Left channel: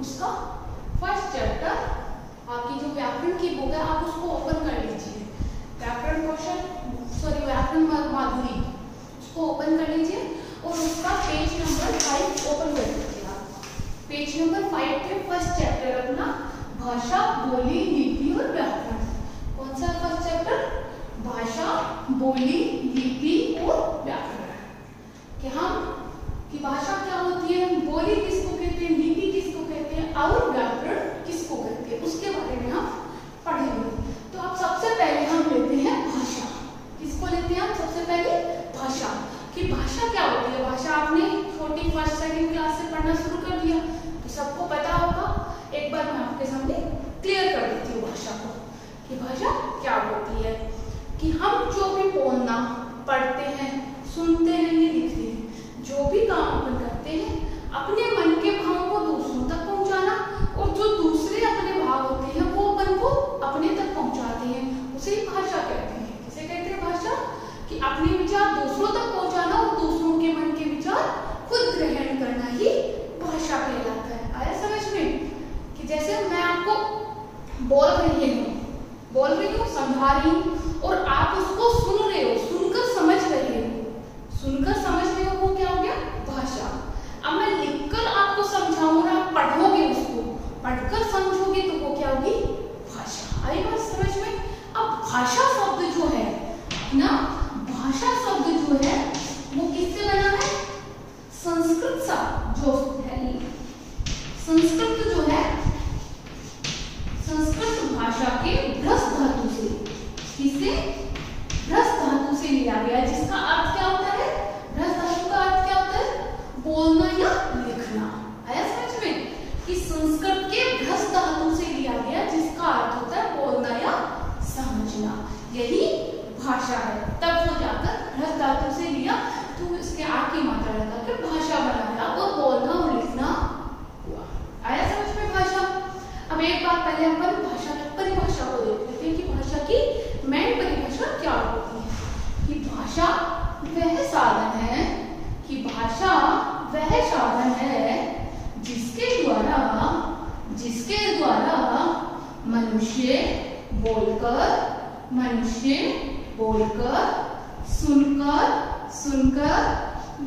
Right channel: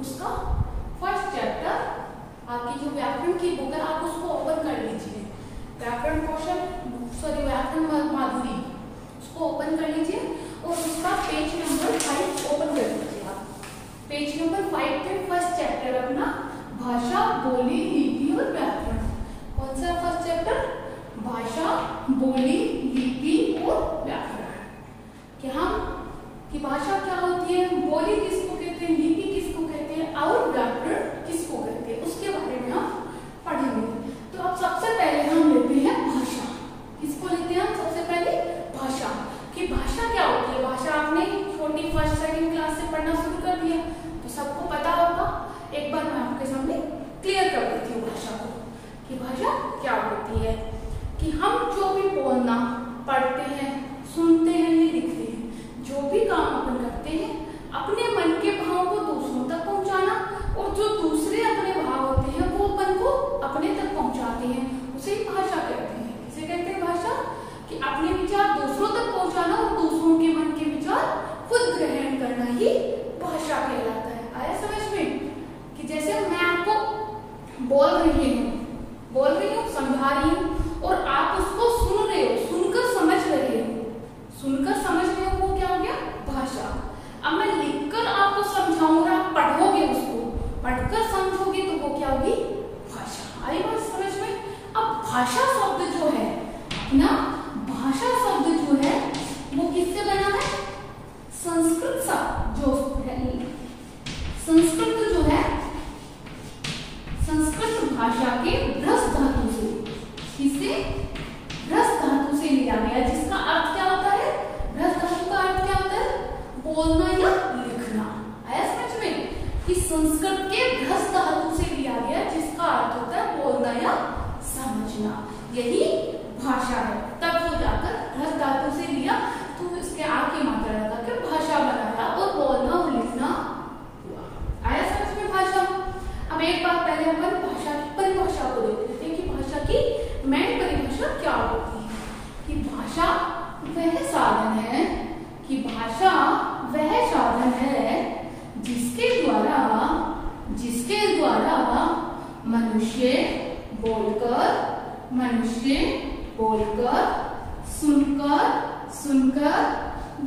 उसका first chapter, आपकी जो व्याकरण की बुक है आप उसको ओपन कर लीजिए, व्याकरण कौशल सॉरी व्याकरण माधुरी, उसको ओपन कर लीजिए और उसका पेज नंबर 5 ओपन कर लीजिए आप। पेज नंबर 5 पे फर्स्ट चैप्टर अपना भाषा, बोली, लिपि और व्याकरण। कौन सा फर्स्ट चैप्टर? भाषा, बोली, लिपि और व्याकरण। कि हम कि भाषा क्या होती है, बोली किसको कहते हैं, लिपि किसको कहते हैं और व्याकरण किसको कहते हैं, उसके बारे में हम पढ़ेंगे। तो अब सबसे पहले हम लेते हैं भाषा। किसको लेते हैं हम सबसे पहले? भाषा। कि भाषा क्या होती है? भाषा आपने छोटी फर्स्ट सेकंड क्लास से पढ़ना शुरू कर दिया तो सबको पता होगा। एक बार मैं आपके सामने क्लियर कर देती हूँ भाषा को कि भाषा क्या होती है। कि हम जो भी बोलना, पढ़ते हैं, सुनते हैं या लिखते हैं, जो भी काम अपन करते हैं, अपने मन के भाव को दूसरों तक पहुंचाना और जो दूसरे अपने भाव होते हैं वो अपन को अपने तक पहुंचाते हैं, उसे भाषा कहते हैं। किसे कहते हैं भाषा? कि अपने विचार दूसरों तक पहुंचाना और दूसरों के मन के विचार खुद ग्रहण करना ही भाषा कहलाता है। आया समझ में? कि जैसे मैं आपको बोल रही हूँ, समझा रही हूँ और आप उसको सुन रहे हो, सुनकर समझ रहे हो, वो क्या हो गया? भाषा। अब मैं लिखकर आपको समझाऊं और आप पढ़ोगे, उसको पढ़कर समझोगे तो वो क्या होगी? भाषा। आई बात समझ में? अब भाषा शब्द जो है ना, भाषा शब्द जो है वो किससे बना है? संस्कृत शब्द जो है, संस्कृत जो है, संस्कृत भाषा के भ्रस धातु से, किससे? भ्रस धातु से लिया गया, जिसका अर्थ क्या होता है? भ्रस धातु का अर्थ क्या होता है? बोलना या लिखना। आया समझ में? कि संस्कृत के भ्रस धातु से लिया गया, जिसका अर्थ होता है बोलना या समझना, यही भाषा है। तब वो जाकर भ्रस धातु से लिया तो इसके आगे मात्रा लगाकर भाषा बनाया और बोलना और लिखना हुआ। आया समझ में भाषा? अब एक बार पहले अपन भाषा की परिभाषा को देख लेते हैं कि भाषा की मेन परिभाषा क्या होती है। कि भाषा वह साधन है, कि भाषा वह साधन है जिसके द्वारा मनुष्य बोलकर, सुनकर व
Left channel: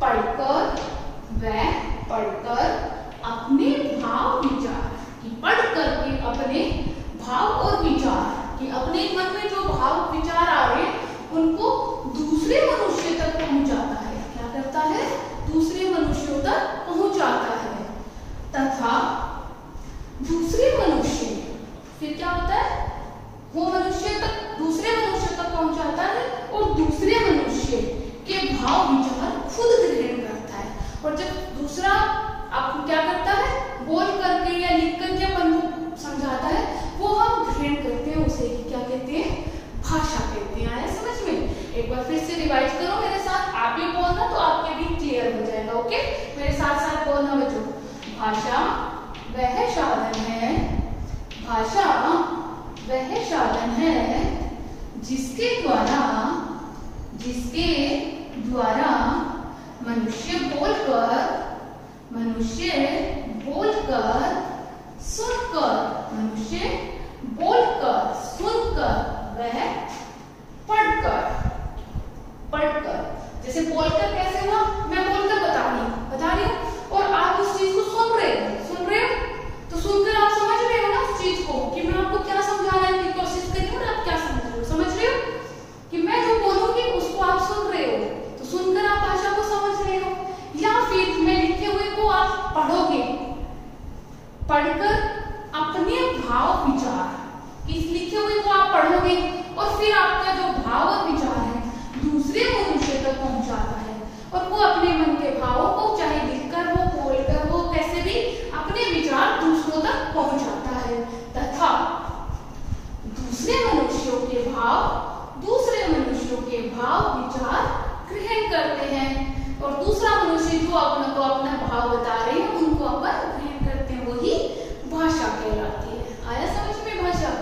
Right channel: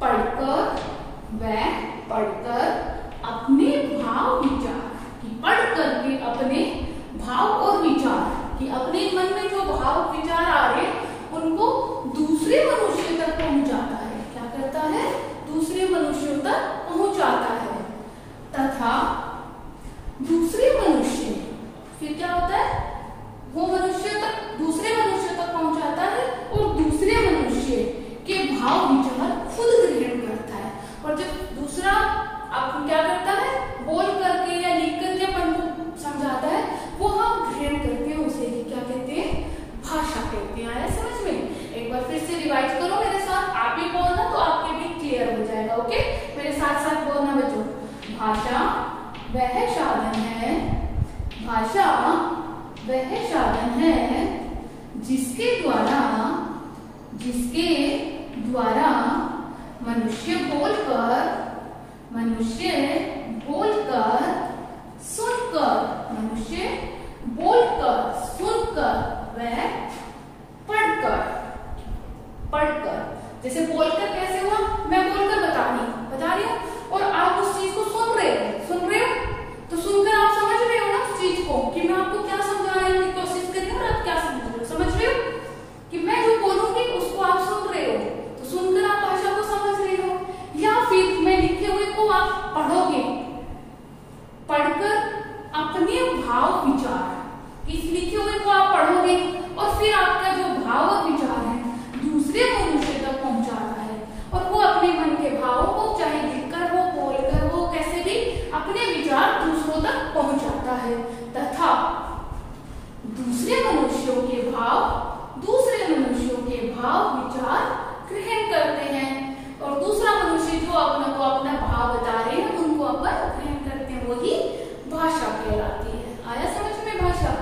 पढ़कर अपने भाव विचार, कि पढ़ करके अपने भाव और विचार, कि अपने मन में जो भाव विचार आ रहे उनको दूसरे मनुष्य तक पहुंचाता है। क्या करता है? दूसरे मनुष्यों तक पहुंचाता है। तथा दूसरे मनुष्य, फिर क्या होता है? वो मनुष्य तक, दूसरे मनुष्य तक पहुंचाता है और दूसरे मनुष्य के भाव विचार खुद ग्रहण करता है। और जब दूसरा आपको क्या करता है? बोल करके या लिख करके अपन को समझाता है, वो हम ग्रहण करते हैं, उसे क्या कहते हैं? भाषा कहते हैं। आया समझ में? एक बार फिर से रिवाइज करो मेरे साथ, आप भी बोलना तो आपके भी क्लियर हो जाएगा। ओके, मेरे साथ साथ बोलना बच्चों। भाषा वह साधन है, भाषा वह साधन है जिसके द्वारा मनुष्य बोलकर, सुनकर वह पढ़कर। जैसे बोलकर कैसे हुआ? मैं बोलकर बता रही हूँ और आप उस चीज को सुन रहे हो, तो सुनकर आप समझ रहे हो ना उस चीज को, कि मैं आपको क्या समझाने की कोशिश कर रही हूँ और आप क्या समझ रहे हो? कि मैं जो बोलूंगी उसको आप सुन रहे हो, तो सुनकर आप भाषा को समझ रहे हो। या फिर मैं लिखे हुए को आप पढ़ोगे, पढ़कर अपने भाव विचार, इस लिखे हुए को आप पढ़ोगे और फिर आपका जो भाव और विचार है दूसरे मनुष्य तक पहुंचाता है और वो अपने मन के भावों को चाहे लिखकर हो, बोलकर हो, कैसे भी अपने विचार दूसरों तक पहुंचाता है। तथा दूसरे मनुष्यों के भाव विचार ग्रहण करते हैं और दूसरा मनुष्य जो अपना भाव बता रहे हैं उनको अपन ग्रहण करते हैं, वही भाषा कहलाती है। आया समझ में भाषा?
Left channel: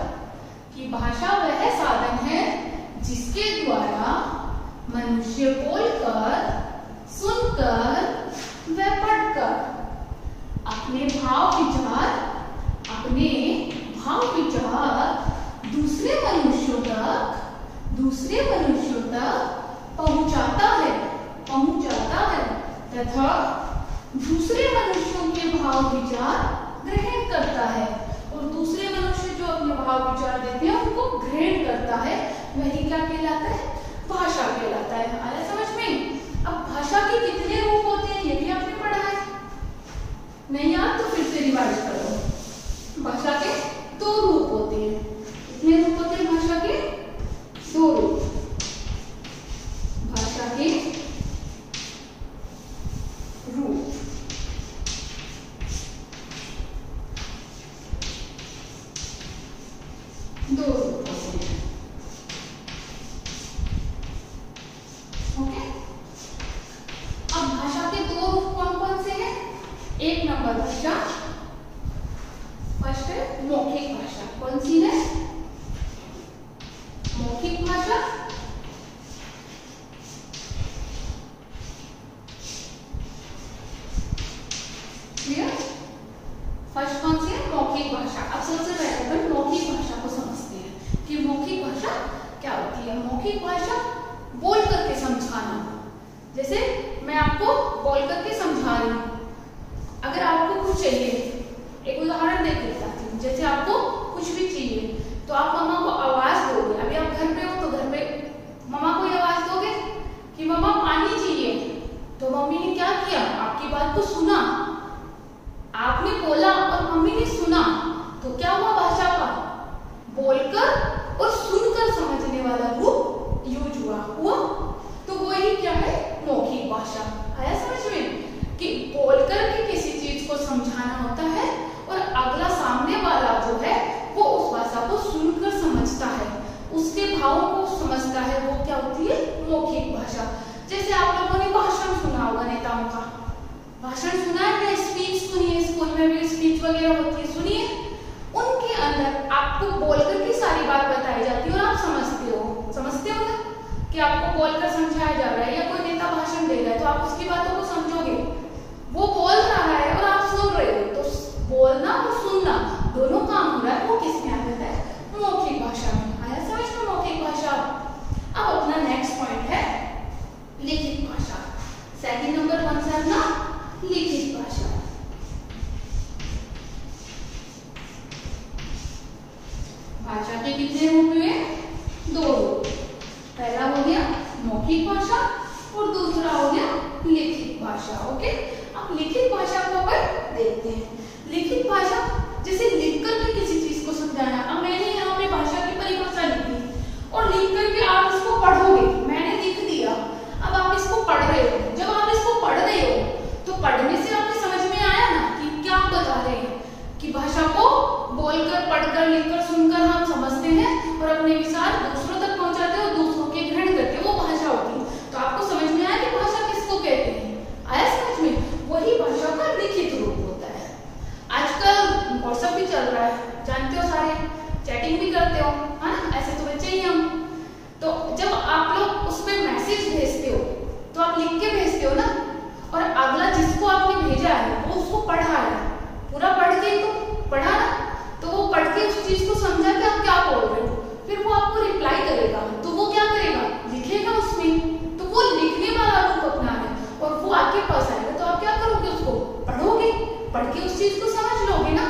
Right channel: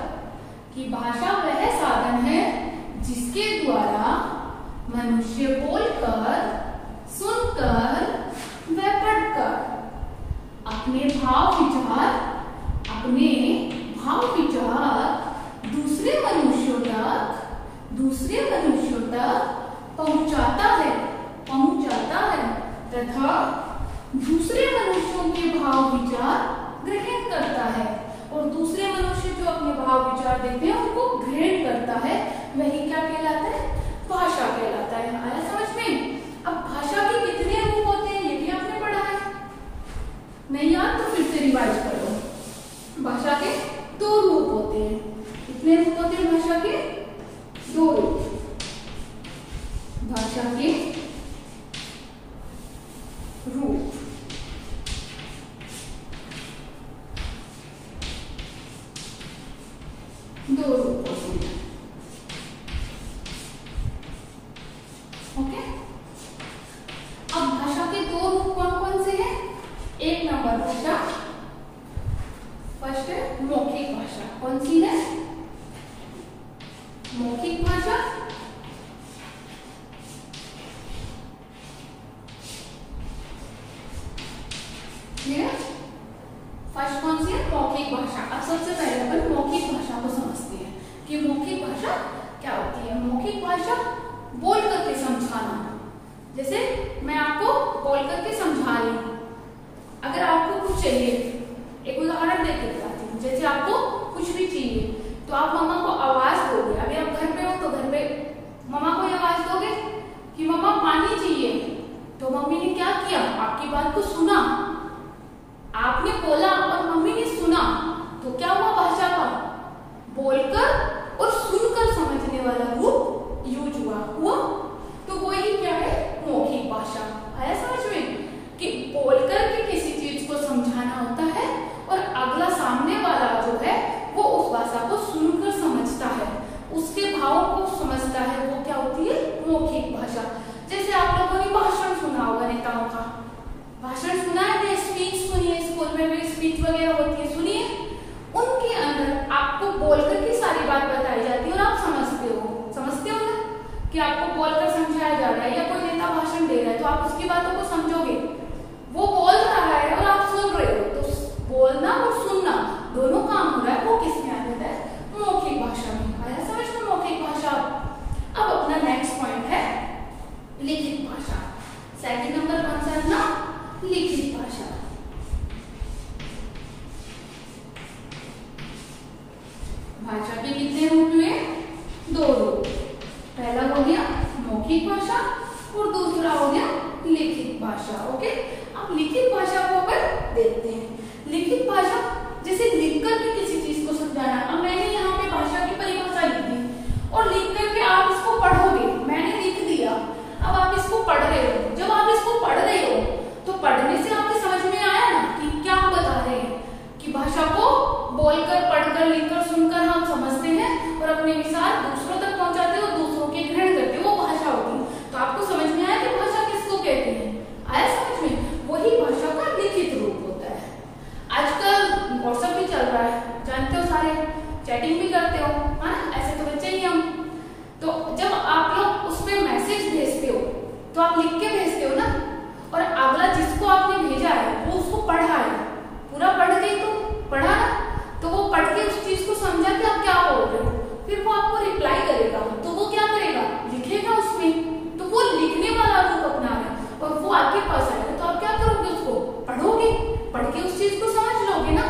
कि भाषा वह साधन है जिसके द्वारा मनुष्य बोलकर, सुनकर व पढ़कर अपने भाव विचार दूसरे मनुष्यों तक पहुंचाता है तथा दूसरे मनुष्यों के भाव विचार ग्रहण करता है, और दूसरे मनुष्य जो अपने भाव विचार देते हैं उनको ग्रहण करता है, वही क्या कहलाता है? भाषा कहलाता है। आया समझ में? अब भाषा के कितने रूप होते हैं ये भी आपने पढ़ा है, नहीं याद तो फिर से रिवाइज करो। भाषा के 2 रूप होते हैं। कितने रूप होते हैं भाषा के? 2 रूप। भाषा के रूप दो रूप होते हैं। ओके, अब भाषा के 2 रूप कौन कौन से हैं? 1 नंबर भाषा, फर्स्ट है मौखिक भाषा। कौन सी है? मौखिक भाषा। फर्स्ट कौन सी है? मौखिक भाषा। अब सबसे पहले अपन मौखिक भाषा को समझते हैं कि मौखिक भाषा क्या होती है। मौखिक भाषा बोल करके समझाना। जैसे मैं आपको बोल करके समझा रही हूँ, अगर आपको कुछ चाहिए, एक उदाहरण देकर बताती हूँ। जैसे आपको कुछ भी चाहिए तो आप मम्मा को आवाज दोगे। अभी आप घर पे हो तो घर पे मम्मा को आवाज दोगे कि मम्मा पानी चाहिए, तो मम्मी ने क्या किया? आपकी बात को सुना, आपने बोला और मम्मी ने सुना, तो क्या हुआ? भाषा का बोलकर और सुनकर समझने वाला रूप यूज हुआ। तो वो ही क्या है? मौखिक भाषा। आया समझ में? कि बोलकर के किसी चीज को समझाना होता है और अगला सामने वाला जो है वो उस भाषा को सुनकर समझता है, उसके भावों को समझता है। वो क्या होती है? मौखिक भाषा। जैसे आप लोगों ने भाषण सुना होगा, नेताओं का भाषण सुना है या स्पीच सुनी है? स्कूल में भी स्पीच वगैरह होती है, सुनिए। उनके अंदर आपको बोलकर की सारी बात बताई जाती है और आप समझते हो ना कि आपको बोलकर समझाया जा रहा है, या कोई नेता भाषण दे रहा है तो आप उसकी बातों को समझोगे। वो बोल रहा है और आप सुन रहे हो, तो बोलना और सुनना दोनों काम हो रहा है। वो किसमें आ जाता है? मौखिक भाषा में। आया समझ में? मौखिक भाषा। अब अपना नेक्स्ट पॉइंट है लिखित भाषा। सेकंड नंबर कौन सा है ना? लिखित भाषा। भाषा के कितने रूप हुए? 2 रूप। पहला हो गया मौखिक भाषा और दूसरा हो गया लिखित भाषा। ओके, अब लिखित भाषा को अपन देखते हैं। लिखित भाषा जैसे लिख करके किसी चीज को समझाना। अब मैंने यहाँ पे भाषा की परिभाषा लिख दी और लिख करके आप इसको पढ़ोगे। मैंने लिख दिया, अब आप इसको पढ़ रहे हो। जब आप इसको पढ़ रहे हो तो पढ़ने से आपको समझ में आया ना कि क्या बता रहे हैं, कि भाषा को बोलकर, पढ़कर, लिखकर, सुनकर हम समझते हैं और अपने विचार दूसरों तक पहुंचाते हैं और दूसरों के ग्रहण करते हैं। वो भाषा होती है। तो आपको समझ में आया कि भाषा किसको कहते हैं? आया समझ में? वही भाषा का लिखित रूप होता है। आजकल व्हाट्सएप भी चल रहा है, जानते हो, सारे चैटिंग भी करते हो, है ना? ऐसे तो बच्चे ही हम। तो जब आप लोग उस पर मैसेज भेजते हो तो आप लिख के भेजते हो ना, और अगला जिसको आपने भेजा है वो उसको पढ़ा है, पूरा पढ़ के तो पढ़ा ना, तो वो पढ़ के उस चीज को समझा कि आप क्या बोल रहे हो, फिर वो आपको रिप्लाई करेगा। तो वो क्या करेगा? लिखेगा उसमें। तो वो लिखने वाला रूप अपना है और वो आपके पास आएगा, तो आप क्या करोगे? उसको पढ़ोगे, पढ़ के उस चीज को समझ लोगे ना,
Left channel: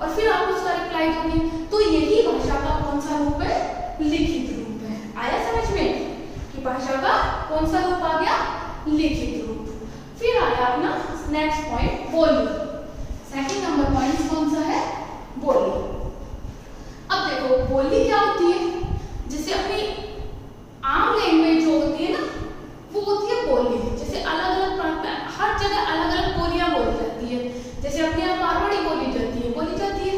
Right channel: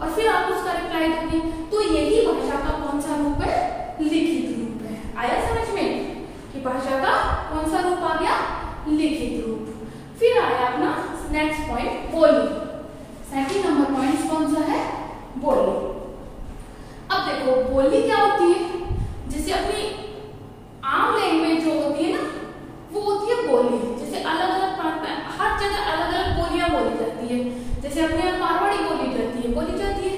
और फिर आप उसका रिप्लाई दोगे। तो यही भाषा का कौन सा रूप है? लिखित रूप है। आया समझ में कि भाषा का कौन सा रूप आ गया? लिखित रूप। फिर आया अपना नेक्स्ट पॉइंट, बोली। सेकंड नंबर पॉइंट कौन सा है? बोली। अब देखो बोली क्या होती है? जैसे अपनी आम लैंग्वेज जो होती है ना, वो होती है बोली। जैसे अलग अलग प्रांत में हर जगह अलग अलग बोलियां बोली जाती है। जैसे अपनी मारवाड़ी बोली जाती है,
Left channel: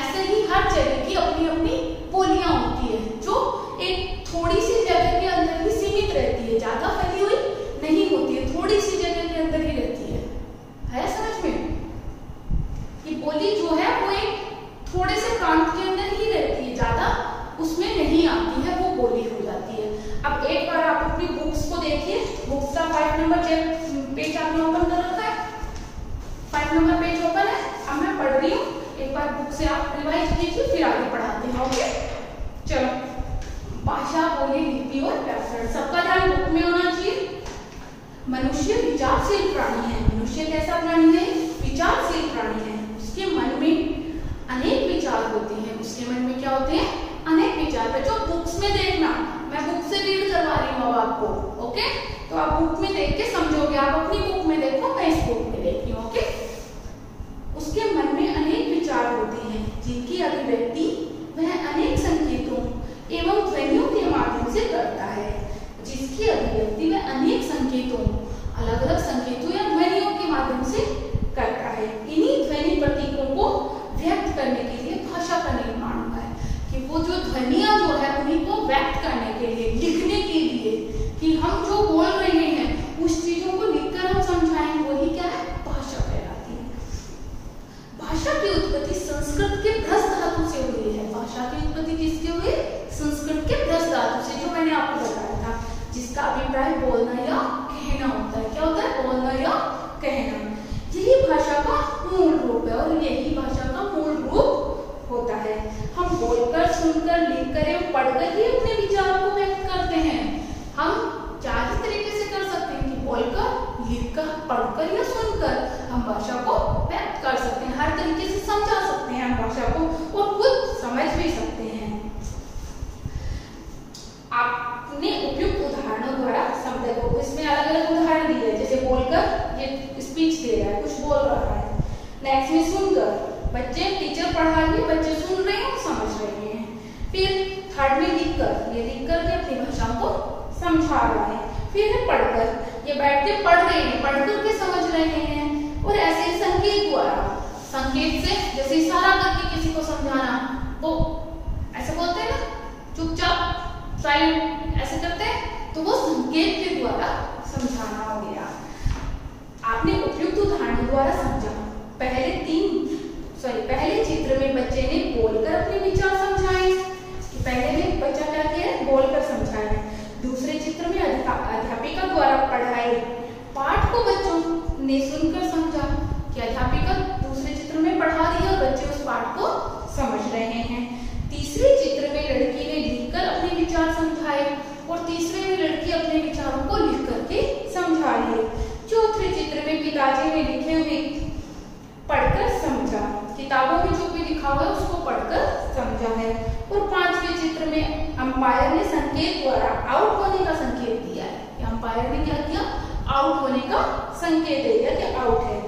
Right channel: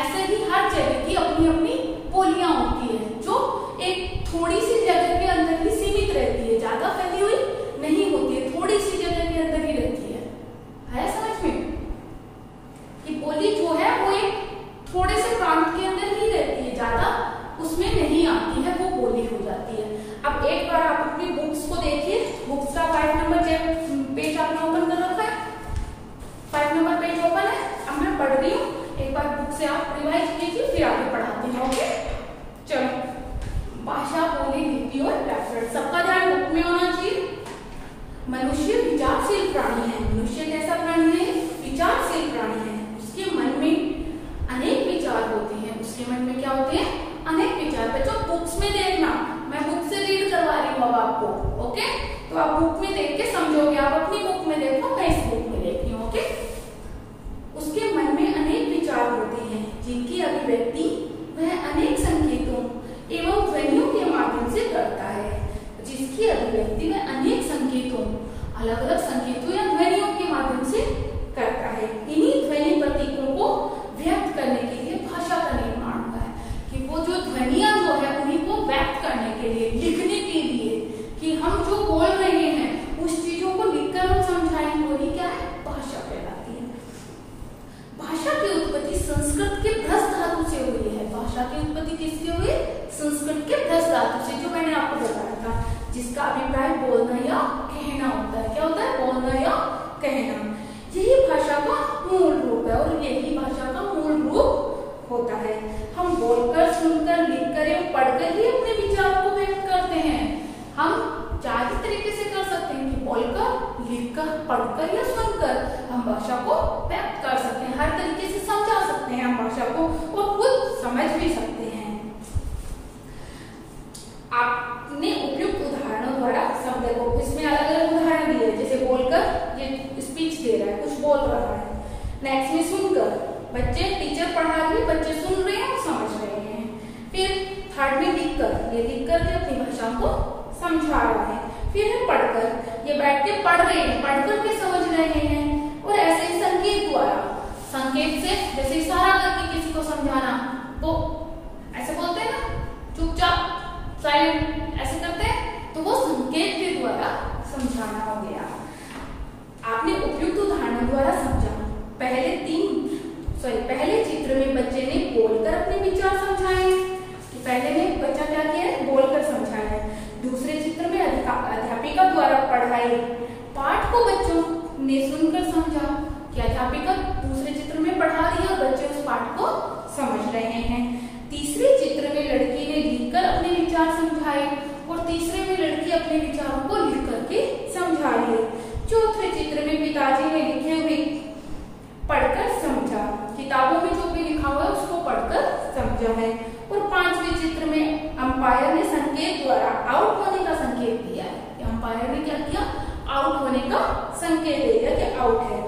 ऐसे ही हर जगह की अपनी अपनी बोलियां होती है, जो एक थोड़ी सी जगह के अंदर ही सीमित रहती है, ज्यादा फैली हुई नहीं होती है, थोड़ी सी जगह के अंदर ही रहती है समझ में? कि बोली जो है वो एक थोड़े से प्रांत के अंदर ही रहती है, ज्यादा उसमें नहीं आती है, वो बोली हो जाती है। अब एक बार आप अपनी बुक्स को देखिए, बुक्स का 5 नंबर पेज आपने ओपन कर रखा है, 5 नंबर पेज ओपन से आप रिवाइज कीजिए, फिर आगे पढ़ाते हैं। ओके, चलो। भाषा, बोली, लिपि और व्याकरण, सबका ध्यान बुक में होना चाहिए। मनुष्य विचारशील प्राणी है। मनुष्य कैसा प्राणी है? विचारशील प्राणी है। उसके मन में अनेक विचार होते हैं। उसके मन में क्या होते हैं? अनेक विचार। बच्चों बुक्स में देखना, मैं बुक से रीड करवा रही हूँ अब आपको। ओके, तो आप बुक में देख के समझोगे। आप अपनी बुक में देखो, मैं इस बुक में देख रही हूँ। ओके, उसके मन में अनेक विचार होते हैं जिनकी अभिव्यक्ति वह अनेक संकेतों एवं ध्वनियों के माध्यम से करता है। जिसकी अभिव्यक्ति वह अनेक संकेतों, अलग अलग संकेतों या ध्वनियों के माध्यम से करता है। इन्हीं ध्वनि प्रतीकों को व्यक्त करने के लिए भाषा का निर्माण हुआ है। कि वो जो ध्वनियां जो है उन्हीं को व्यक्त करने के लिए, लिखने के लिए, कि हम जो बोल रहे हैं उस चीजों को लिखकर हम समझाएं, वही क्या है? भाषा कहलाती है। भाषा की उत्पत्ति संस्कृत के भ्रस धातु से हुई है। भाषा की उत्पत्ति किससे हुई? संस्कृत के भ्रस धातु से, जो मैंने आपको बताया था, जिसका अभिप्राय बोलना या कहना होता है। क्या होता है? बोलना या कहना। यही भाषा का मूल रूप है और यही भाषा का मूल रूप होता है। हम बोलकर, सुनकर, लिखकर एवं पढ़कर ही अपने विचारों को व्यक्त करते हैं। हम चार ही तरीके से कर सकते हैं कि बोलकर, लिखकर, पढ़कर या सुनकर हम भाषा को व्यक्त कर सकते हैं। हर तरीके से समझा सकते हैं हम भाषा को और खुद समझ भी सकते हैं। आपने उपयुक्त उदाहरणों द्वारा शब्द को, इसमें अलग अलग उदाहरण दिए, जैसे बोलकर ये स्पीच दे रहा है, कुछ बोल रहा है। नेक्स्ट में सुनकर, बच्चे, टीचर पढ़ा रही है, बच्चे सुन रहे हैं, समझ रहे हैं। फिर थर्ड में लिखकर, ये लिखकर के अपनी भाषा को समझा रहा है। फिर है पढ़कर, ये बैठ के पढ़ रहे हैं, पढ़कर के समझ रहे हैं। और ऐसे ही संकेत द्वारा, संकेत से जैसे इशारा करके किसी को समझाना, तो ऐसे बोलते हैं ना, चुपचाप साइलेंट ऐसे करते हैं, तो वो संकेत के द्वारा समझाना हो गया। आपने उपयुक्त उदाहरणों द्वारा समझा। पहले चित्र में बच्चे ने बोलकर अपने विचार समझाए। पहले में बच्चा क्या किया है? बोलकर समझाया है। दूसरे चित्र में अध्यापिका द्वारा पढ़ाए पाठ को बच्चों ने सुनकर समझा कि अध्यापिका दूसरे चित्र में पढ़ा रही है और बच्चे उस पाठ को समझ रहे हैं। तीसरे चित्र में लड़की ने लिखकर अपने विचार समझाए और तीसरे में लड़की अपने विचारों को लिख करके समझा रही है। चौथे चित्र में पिताजी ने लिखे हुए पढ़कर समझा, किताबों में जो भी लिखा हुआ है उसको पढ़कर समझा है। और पांचवें चित्र में अंपायर ने संकेत द्वारा आउट होने का संकेत दिया है। अंपायर ने क्या किया? आउट होने का संकेत दे दिया कि आउट है।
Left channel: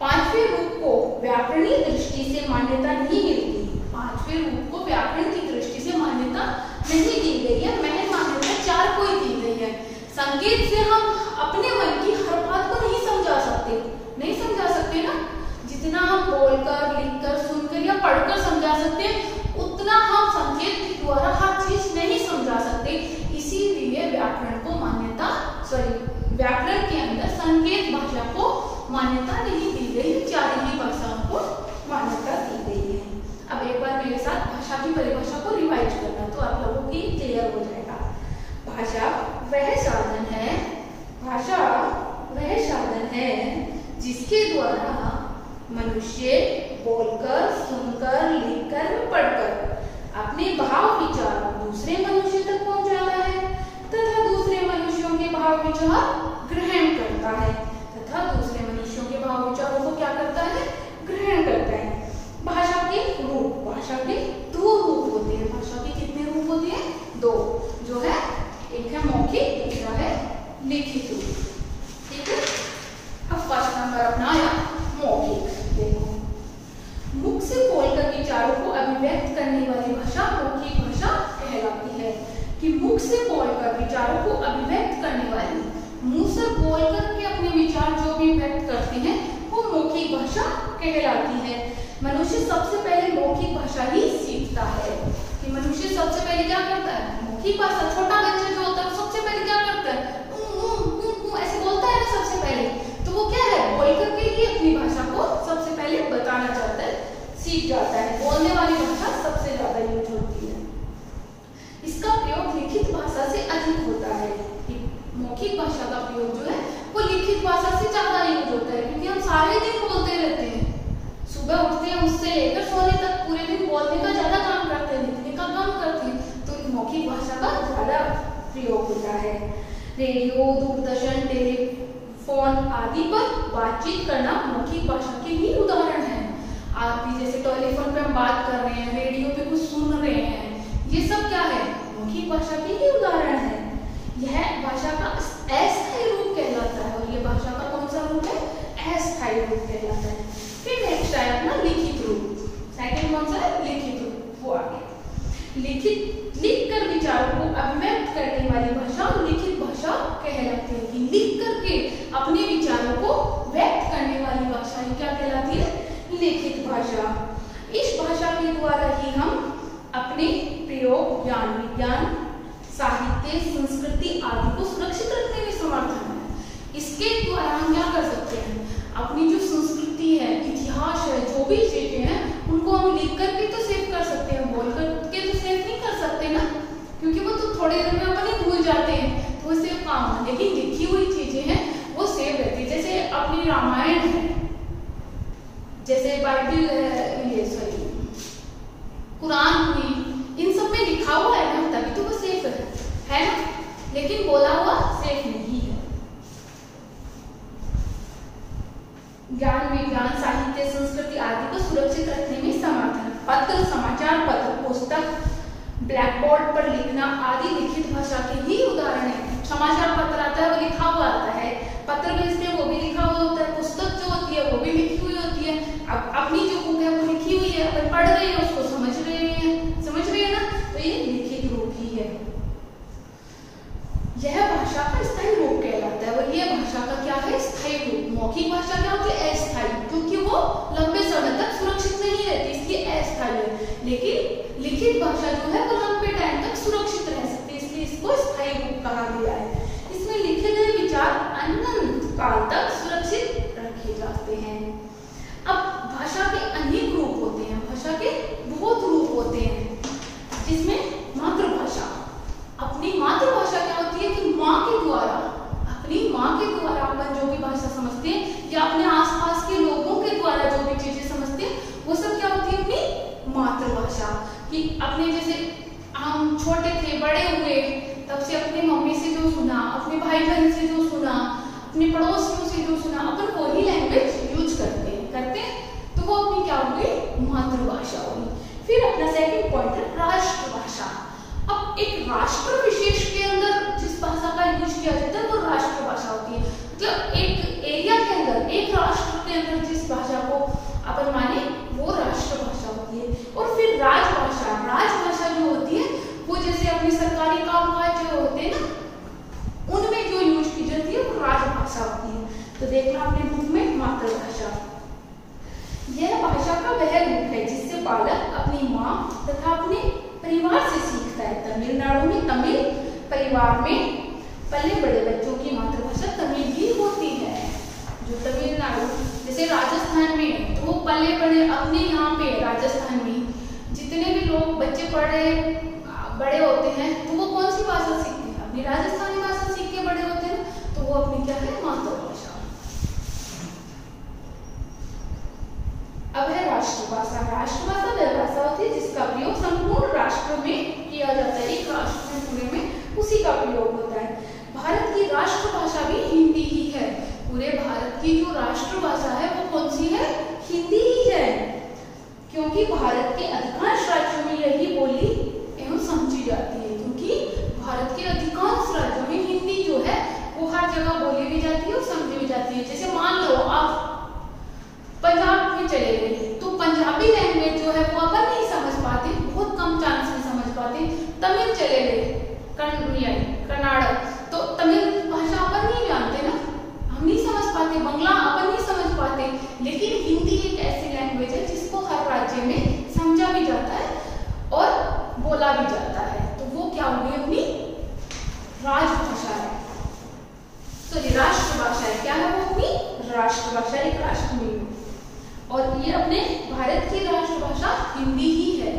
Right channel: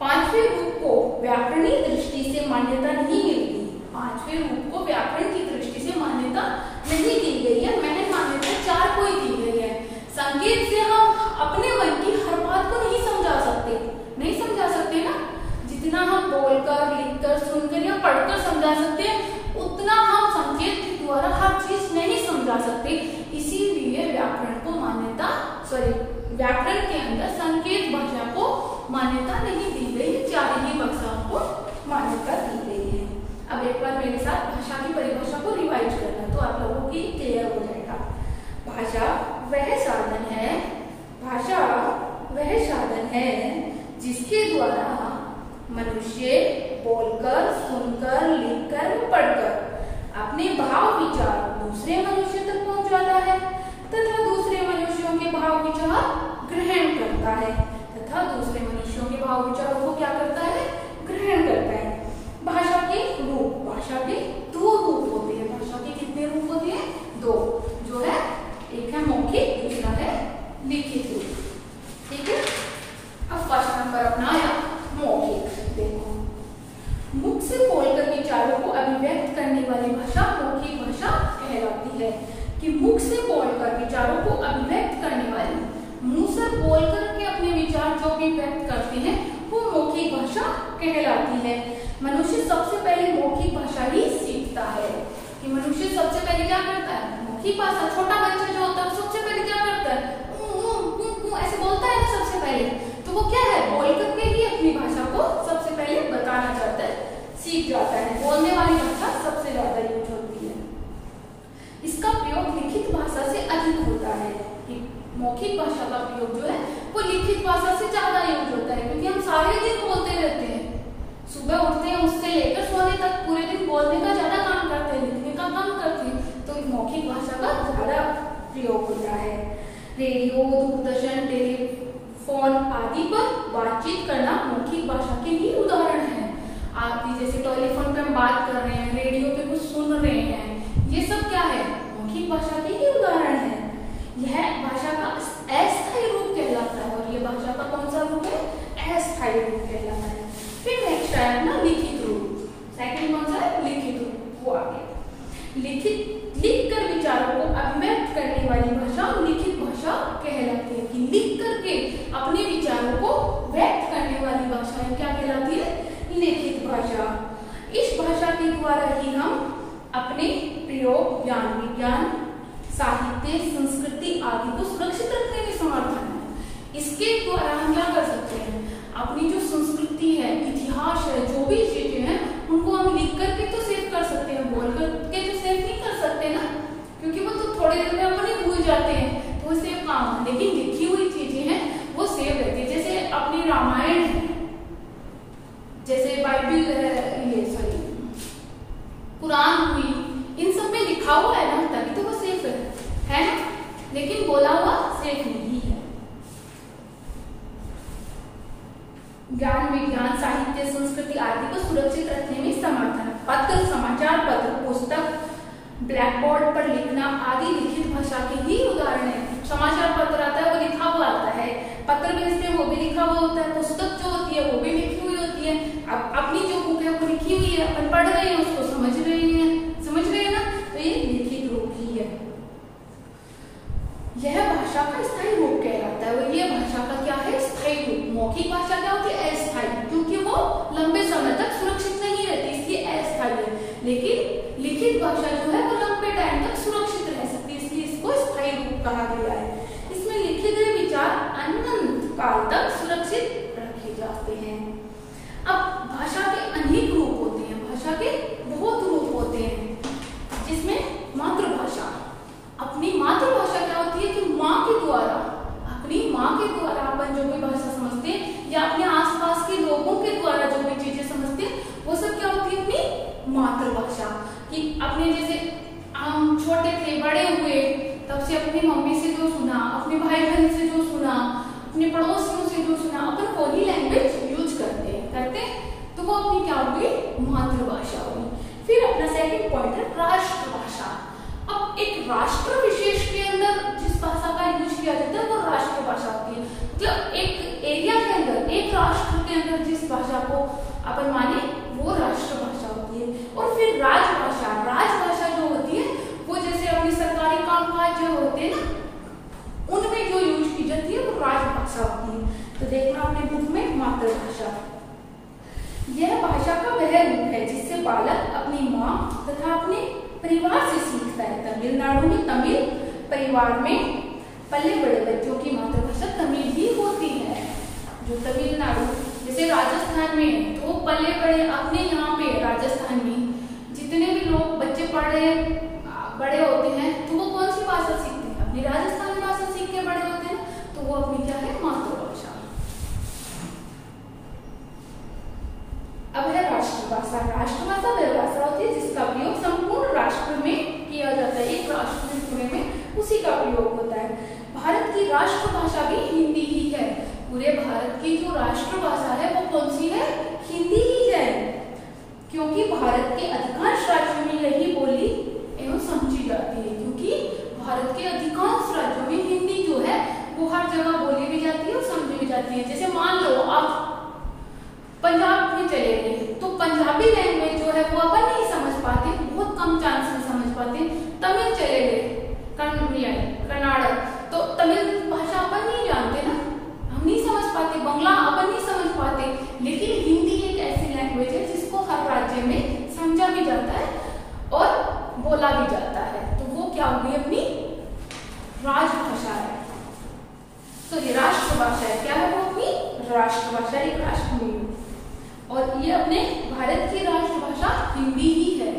पांचवें रूप को व्याकरणीय दृष्टि से मान्यता नहीं मिलती। पांचवें रूप को व्याकरण की दृष्टि से मान्यता नहीं दी गई है। मैंने मान्यता चार को ही दी गई है। संकेत से हम अपने मन की हर बात को नहीं समझा सकते, नहीं समझा सकते ना। जितना हम बोलकर, लिखकर, सुनकर या पढ़कर समझा सकते हैं, उतना हम संकेत के द्वारा हर चीज नहीं समझा सकते। इसीलिए व्याकरण को मान्यता, व्याकरण के अंदर संकेत भाषा को मान्यता नहीं दी गई। चार ही भाषाओं को मान्यता दी गई है। अब एक बार मेरे साथ भाषा की परिभाषा को रिवाइज करना, तो आप लोगों की क्लियर हो जाएगा। भाषा वह साधन है, भाषा वह साधन है जिसके द्वारा मनुष्य बोलकर, सुनकर, लिखकर, पढ़कर अपने भाव विचार दूसरे मनुष्य तक पहुंचाता है तथा दूसरे मनुष्यों के भाव विचार ग्रहण करता है तथा दूसरे मनुष्यों के भाव विचारों को क्या करता है? ग्रहण करता है। भाषा के रूप, भाषा के दो रूप होते हैं। भाषा के कितने रूप होते हैं? दो, जो है एक है मौखिक, दूसरा है लिखित रूप। ठीक है, अब फर्स्ट नंबर अपना आया मौखिक। देखो, मुख से बोलकर विचारों को अभिव्यक्त करने वाली भाषा मौखिक भाषा कहलाती है। कि मुख से बोलकर विचारों को अभिव्यक्त करने वाली, मुंह से बोलकर के अपने विचार जो भी व्यक्त करते हैं वो मौखिक भाषा कहलाती है। मनुष्य सबसे पहले मौखिक भाषा ही सीखता है। कि मनुष्य सबसे पहले क्या करता है? मौखिक भाषा। छोटा बच्चा जो होता है सबसे पहले क्या करता है? ऐसे बोलता है ना सबसे पहले, तो वो क्या है? बोल करके ही अपनी भाषा को सबसे पहले बताना चाहता है, सीख जाता है। बोलने वाली भाषा सबसे ज्यादा यूज होती है। इसका प्रयोग लिखित भाषा से अधिक होता है। मौखिक भाषा का प्रयोग जो है वो लिखित भाषा से ज्यादा यूज होता है, क्योंकि हम सारे दिन बोलते रहते हैं। सुबह उठते हैं उससे लेकर सोने तक पूरे दिन बोलने का ज्यादा काम करते हैं, लिखने का कम करते हैं, तो मौखिक भाषा का ज्यादा प्रयोग होता है। रेडियो, दूरदर्शन, टेलीफोन आदि पर बातचीत करना मौखिक भाषा के ही उदाहरण है। आदि जैसे टेलीफोन पे हम बात कर रहे हैं, रेडियो पे कुछ सुन रहे हैं, ये सब क्या है, मौखिक भाषा के ही उदाहरण है। यह भाषा का अस्थायी रूप कहलाता है, और यह भाषा का कौन सा रूप है, अस्थायी रूप कहलाता है। फिर नेक्स्ट है अपना लिखित रूप। सेकंड कौन सा है, लिखित रूप, वो आ गया। लिखकर विचारों को अभिव्यक्त करने वाली भाषा लिखित भाषा कहलाती है, कि लिख करके अपने विचारों को व्यक्त करने वाली भाषा क्या कहलाती है, लिखित भाषा। इस भाषा के द्वारा ही हम अपने प्रयोग, ज्ञान, विज्ञान, साहित्य, संस्कृति आदि को सुरक्षित रखने में समर्थ हैं। इसके द्वारा हम क्या कर सकते हैं, अपनी जो संस्कृति है, इतिहास है, जो भी चीजें हैं, उनको हम लिख करके तो सेव कर सकते हैं, बोल करके तो सेव नहीं कर सकते ना, क्योंकि वो तो थोड़ी देर में अपन ही भूल जाते हैं, तो वो सेव काम है। लेकिन लिखी हुई चीजें हैं वो सेव रहती है। जैसे अपनी रामायण है, जैसे बाइबल है, ये सॉरी कुरान हुई, इन सब में लिखा हुआ है ना, तभी तो वो सेफ है ना, लेकिन बोला हुआ सेफ नहीं है। ज्ञान, विज्ञान, साहित्य, संस्कृति आदि को सुरक्षित रखने में समर्थ है। पत्र, समाचार पत्र, पुस्तक, ब्लैक बोर्ड पर लिखना आदि लिखित भाषा के ही उदाहरण है। समाचार पत्र आता है वो लिखा हुआ आता है, पत्र भेजते हैं वो भी लिखा हुआ होता है, पुस्तक जो होती है वो भी लिखी हुई होती है। अब अपनी जो बुक है वो लिखी हुई है, अपन पढ़ रहे हैं, उसको समझ रहे हैं ना, तो ये लिखित रूप ही है। यह भाषा का स्थायी रूप कहलाता है, और ये भाषा का क्या है, स्थायी रूप। मौखिक भाषा क्या होती है, अस्थायी, क्योंकि वो लंबे समय तक सुरक्षित नहीं रहती, इसलिए अस्थायी है। लेकिन लिखित भाषा जो है वो लंबे टाइम तक सुरक्षित रह सकती है, इसलिए इसको स्थायी रूप कहा गया है। इसमें लिखे गए विचार अनंत काल तक सुरक्षित रखे जाते हैं। अब भाषा के अनेक रूप होते हैं, भाषा के बहुत रूप होते हैं, जिसमें मातृभाषा, अपनी मातृभाषा क्या होती है कि माँ के द्वारा, अपनी माँ के द्वारा अपन जो भी भाषा समझते हैं, या अपने आसपास के लोगों के द्वारा जो भी चीजें समझते हैं, वो सब क्या होती है, अपनी मातृभाषा। कि अपने जैसे हम छोटे थे, बड़े हुए, तब से अपनी मम्मी से जो सुना, अपने भाई बहन से जो सुना, अपने पड़ोसियों से जो सुना, अपन वही लैंग्वेज यूज करते हैं, तो वो अपनी क्या होगी, मातृभाषा होगी। फिर अपना सेकंड पॉइंट है राष्ट्रभाषा। अब एक राष्ट्र विशेष के अंदर जिस भाषा का यूज किया जाता है वो राष्ट्रभाषा होती है। मतलब एक एरिया के अंदर, एक राष्ट्र के अंदर जिस भाषा को अपन माने वो राष्ट्रभाषा होती है। और फिर राजभाषा, राजभाषा जो होती है वो जैसे अपनी सरकारी कामकाज जो होते हैं ना, उनमें जो यूज की जाती है वो राजभाषा होती है। तो देखना अपने बुक में मातृभाषा। यह भाषा का वह रूप है जिससे बालक अपनी माँ तथा अपने परिवार से सीखता है। तमिलनाडु में तमिल परिवार में पले बड़े बच्चों की मातृभाषा तमिल ही होती है। जो तमिलनाडु, जैसे राजस्थान में तो पले बड़े, अपने यहाँ पे राजस्थान में जितने भी लोग बच्चे बड़े होते हैं तो वो कौन सी भाषा सीखते हैं, अपनी राजस्थानी भाषा सीख के बड़े होते हैं, तो वो अपनी क्या है, मातृभाषा। अब है राष्ट्रभाषा। राष्ट्रभाषा वह भाषा होती है जिसका प्रयोग संपूर्ण राष्ट्र में किया जाता है, एक राष्ट्र में पूरे में उसी का प्रयोग होता है। भारत की राष्ट्रभाषा भी हिंदी ही है। पूरे भारत की जो राष्ट्रभाषा है वो कौन सी है, हिंदी ही है, क्योंकि भारत के अधिकांश राज्यों में यही बोली एवं समझी जाती है। क्योंकि भारत के अधिकांश राज्यों में हिंदी जो है वो हर जगह बोली भी जाती है और समझी भी जाती है। जैसे मान लो आप पंजाब में चले गए तो पंजाबी लैंग्वेज जो है वो अपन नहीं समझ पाते, बहुत कम चांस में समझ पाते। तमिल चले गए, कर्नाटक, तो तमिल भाषा अपन नहीं जानते ना, हम नहीं समझ पाते। बंगला अपन नहीं समझ पाते, लेकिन हिंदी एक ऐसी लैंग्वेज है जिसको हर राज्य में समझा भी जाता है और बोला भी जाता है। तो वो क्या होगी, अपनी राजभाषा है, सॉरी राष्ट्रभाषा है। क्या है वो, अपनी राष्ट्रभाषा, एक राष्ट्र में। और ये अपने भारत की राष्ट्रभाषा हिंदी ही है,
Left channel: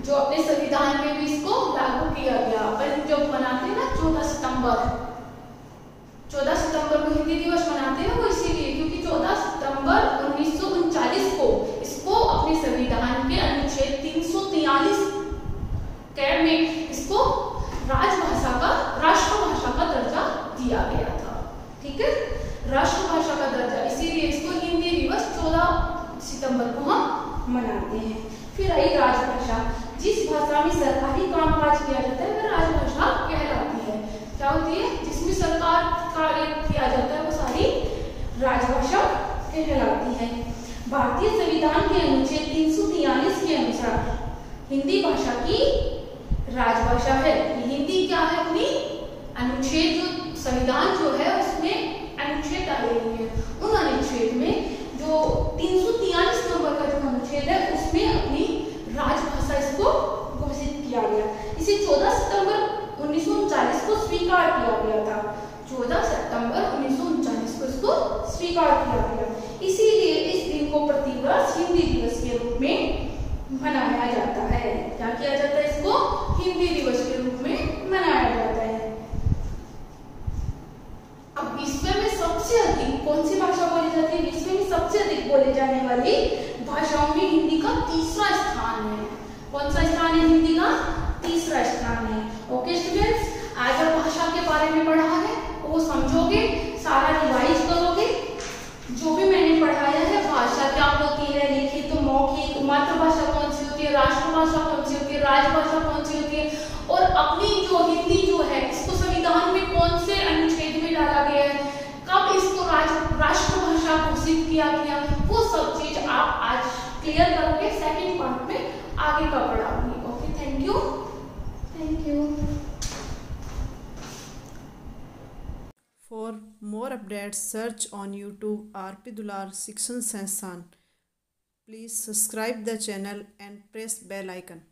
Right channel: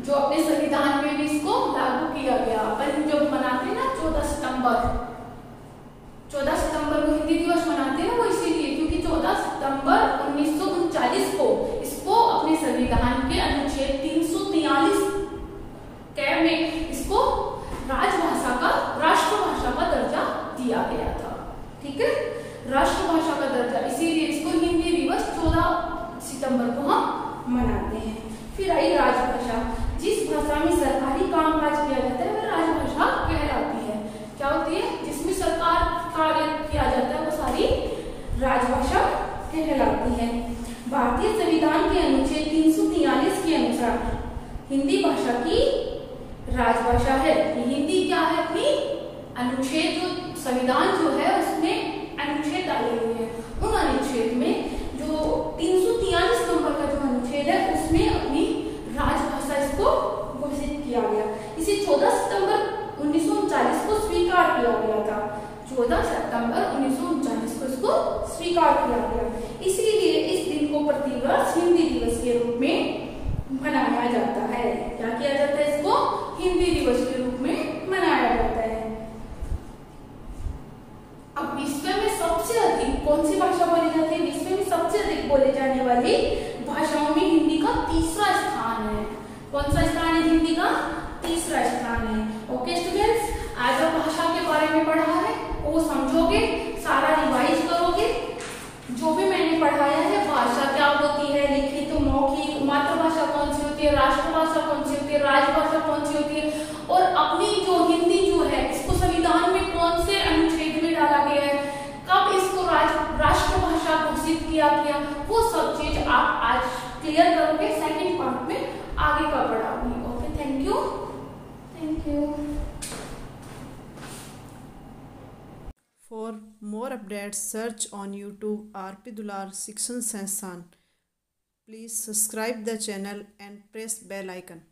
जो अपने संविधान में भी इसको लागू किया गया। अपन जब मनाते हैं ना 14 सितंबर को हिंदी दिवस मनाते हैं, वो इसीलिए क्योंकि 14 सितंबर 1939 को इसको अपने संविधान के अनुच्छेद 343 में इसको राजभाषा का राष्ट्रभाषा का दर्जा दिया गया था। ठीक है, राष्ट्रभाषा का दर्जा, इसीलिए इसको हिंदी दिवस 14 सितंबर को हम मनाते हैं। फिर आई राजभाषा, जिस भाषा में सरकारी कामकाज किया जाता है वह राजभाषा कहलाती है। क्या होती है? जिसमें सरकार कार्य किया जाता है वो सारी राजभाषा कहलाती है। भारतीय संविधान के अनुच्छेद 343 के अनुसार हिंदी भाषा की राजभाषा है। हिंदी क्या है? अपनी अनुच्छेद, जो संविधान जो है उसमें अनुच्छेद डाले हुए हैं, उन अनुच्छेद में जो 343 नंबर का जो अनुच्छेद है उसमें अपनी राजभाषा इसको घोषित किया गया। इसे 14 सितंबर 1939 को स्वीकार किया गया था। 14 सितंबर 1939 को इसको स्वीकार किया गया। इसीलिए इस दिन को प्रतिवर्ष हिंदी दिवस के रूप में मनाया जाता है। क्या किया जाता है? इसको हिंदी दिवस के रूप में मनाया जाता है। अब विश्व में सबसे अधिक कौन सी भाषा बोली जाती है? विश्व में सबसे अधिक बोले जाने वाली भाषाओं में हिंदी का तीसरा स्थान है। कौन सा स्थान है? हिंदी का तीसरा स्थान है। ओके स्टूडेंट्स, आज आप भाषा के बारे में पढ़ा है वो समझोगे, सारा रिवाइज करोगे। जो भी मैंने पढ़ाया है, भाषा क्या होती है, लिखित, मौखिक, मातृभाषा कौन सी होती है, राष्ट्रभाषा कौन सी होती है, राजभाषा कौन सी होती है, और अपनी जो हिंदी जो है इसको संविधान में कौन से अनुच्छेद में डाला गया है, कब इसको राष्ट्रभाषा घोषित किया गया, वो सब चीज आप आज क्लियर करोगे। सेकंड पार्ट में आगे का पढ़ाऊंगी। Okay, thank you. Thank you. For more updates, search on YouTube RP Dular Shikshan Sansthan. Please subscribe the channel and press bell icon.